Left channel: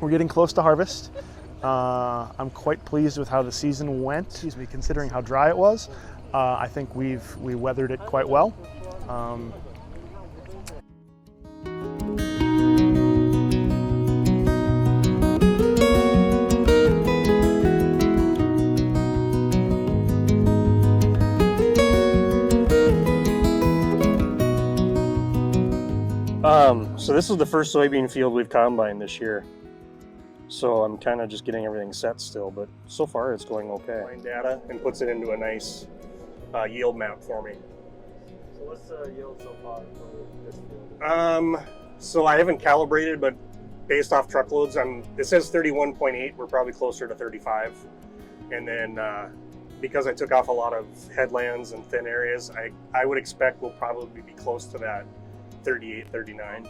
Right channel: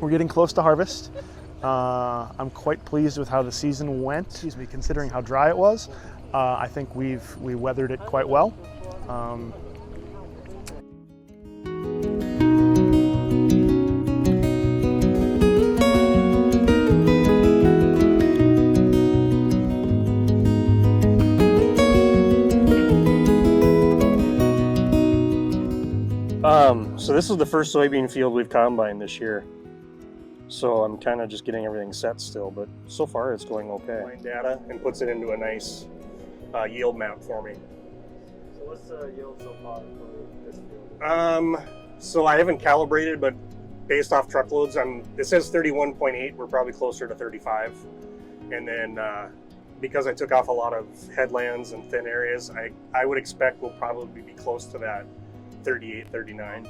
we're getting close to harvest. I'm quite pleased with how the season went, considering how dry it was. I think we weathered it quite well. So this is the first soybean field we've combined this year. So I'm kind of just getting everything set still, but so far it's going okay. Data and puts it into a nice yield map for me. So what's the yield so far for this field? So I haven't calibrated, but based off truckloads, it says 31.8. We're probably closer to 35. And then because I took off a lot of headlands and thin areas, I would expect we'll probably be close to that 38, 39.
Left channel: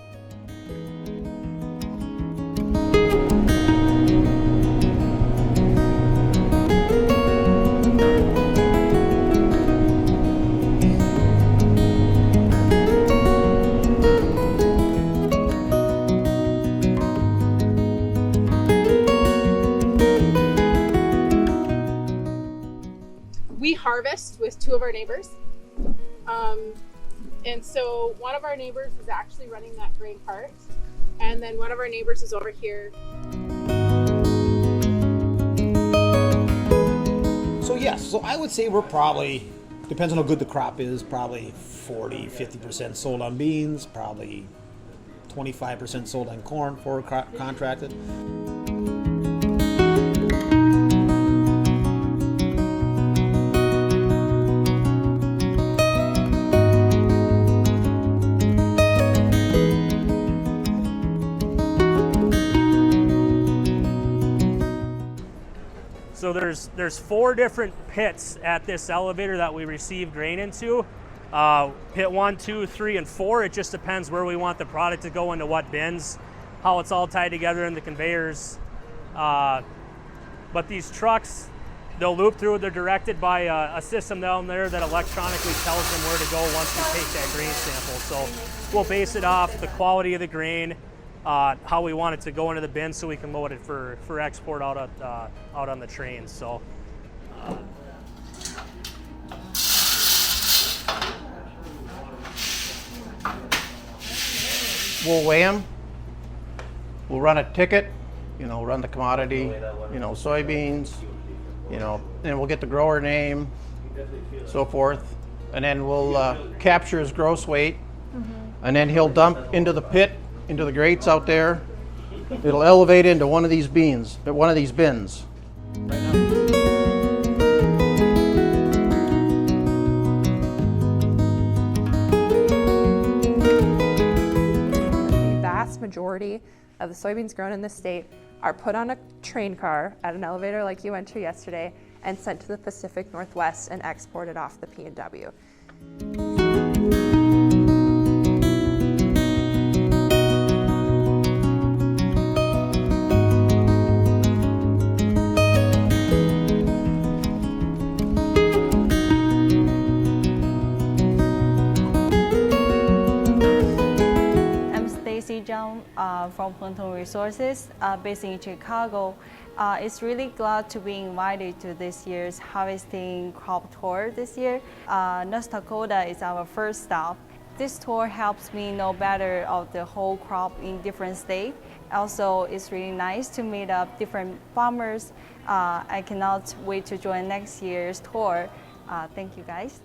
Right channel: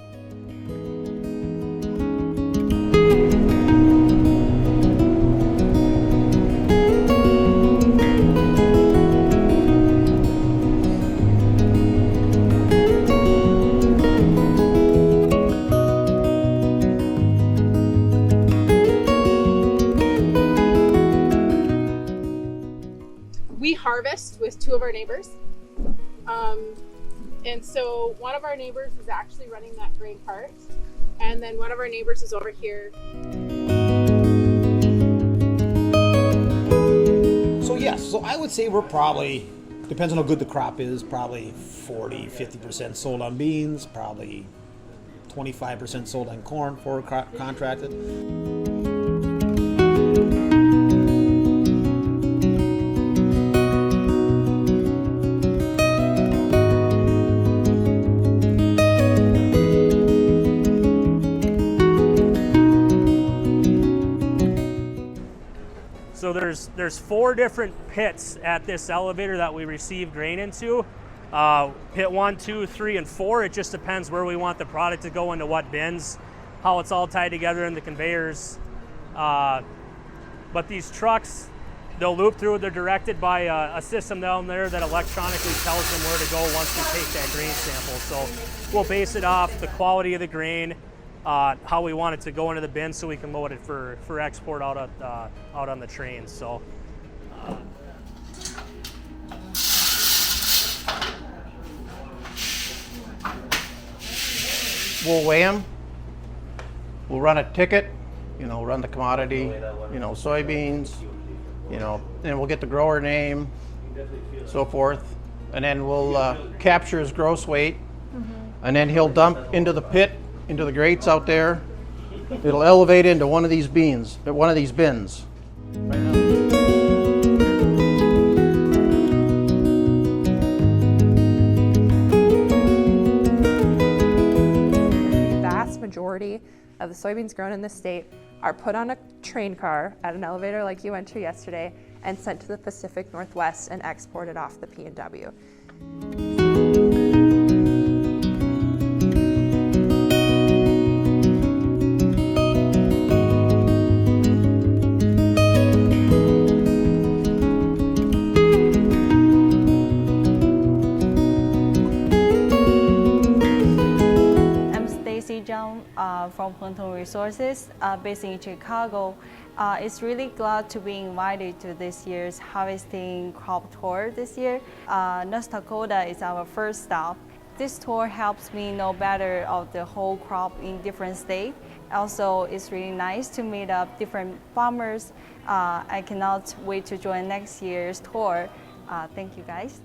We harvest with two of our neighbors. And so one of our neighbors is actually running that grain cart, and then one of our neighbors is over here. So yes, so I would say we're probably, depends on how good the crop is, probably 40-50% sold on beans, probably 25% sold on corn for contracted. So there's 4 different pits at this elevator that we receive grain into. Pit 1, 2, 3, and 4. It just depends where we want the product to go into what bins, how it's all tied together in the conveyors. But these trucks, they'll loop through. They're directed by a system down there that electronically tells them where to go once we take that grain sample. So we'll base it off the quality of the grain, how we want it to go into the bin so we can load it for export out on the trains. So we'll weigh them, we'll run a ticket, run the commodity, soybeans, and we'll get the grower name, so forth, and then we'll capture his gross weight, and then he'll dump into the pit, into the grates out there. It'll elevate into one of these bins. Right now. The vast majority of the soybeans grown in this state are put on a train car at an elevator like you went to yesterday and sent to the Pacific Northwest and exported off the P&W. From Plantain Resources, based in Chicago. Is really glad to be invited to this year's harvesting crop tour this year. North Dakota is our first stop. This tour helps me know better of the whole crop in different states. Also, it's really nice to meet up different farmers. I cannot wait to join next year's tour. Thank you guys.